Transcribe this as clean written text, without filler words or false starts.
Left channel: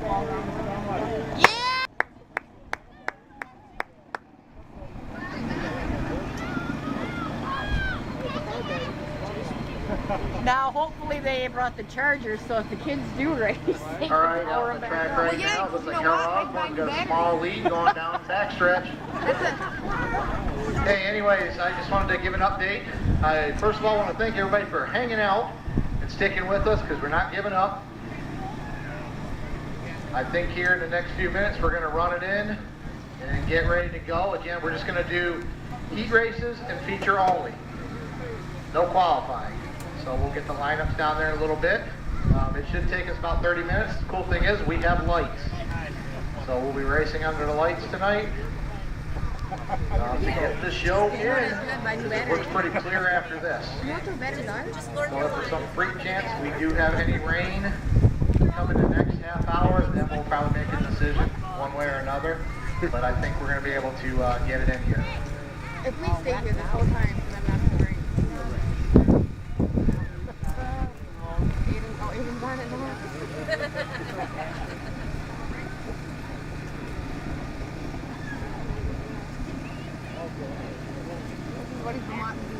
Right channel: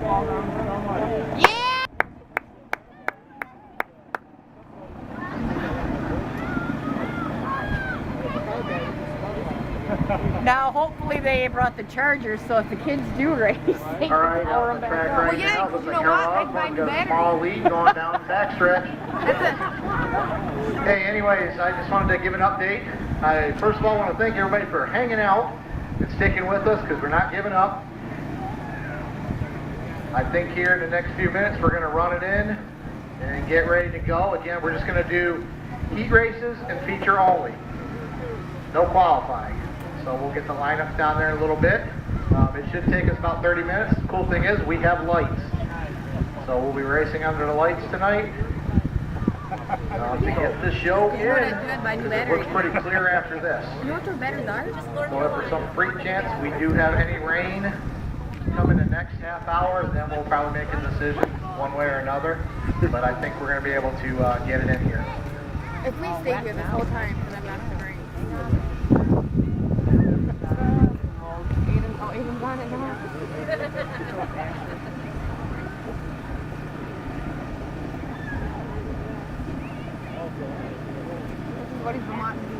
Yeah! Now, hopefully they brought the chargers, so if the kids do race, they All right, can power on them the back track up. right now, looks like Harold Osborne got a small lead going down the backstretch. Hey, anyways, I just wanted to give an update. I first of all want to thank everybody for hanging out and sticking with us because we're not giving up. I think here in the next few minutes we're going to run it in and get ready to go. Again, we're just going to do heat races and feature only. No qualifying. So we'll get the lineups down there in a little bit. It should take us about 30 minutes. The cool thing is we have lights. So we'll be racing under the lights tonight to get the show in, because it looks pretty clear after this. You know what their batteries are? So if for some freak chance we do have any rain come in the next half hour, then we'll probably make a decision one way or another. But I think we're going to be able to get it in here. If we stay here this whole time, then that's the rain. Aiden's on it now. What is Vermont?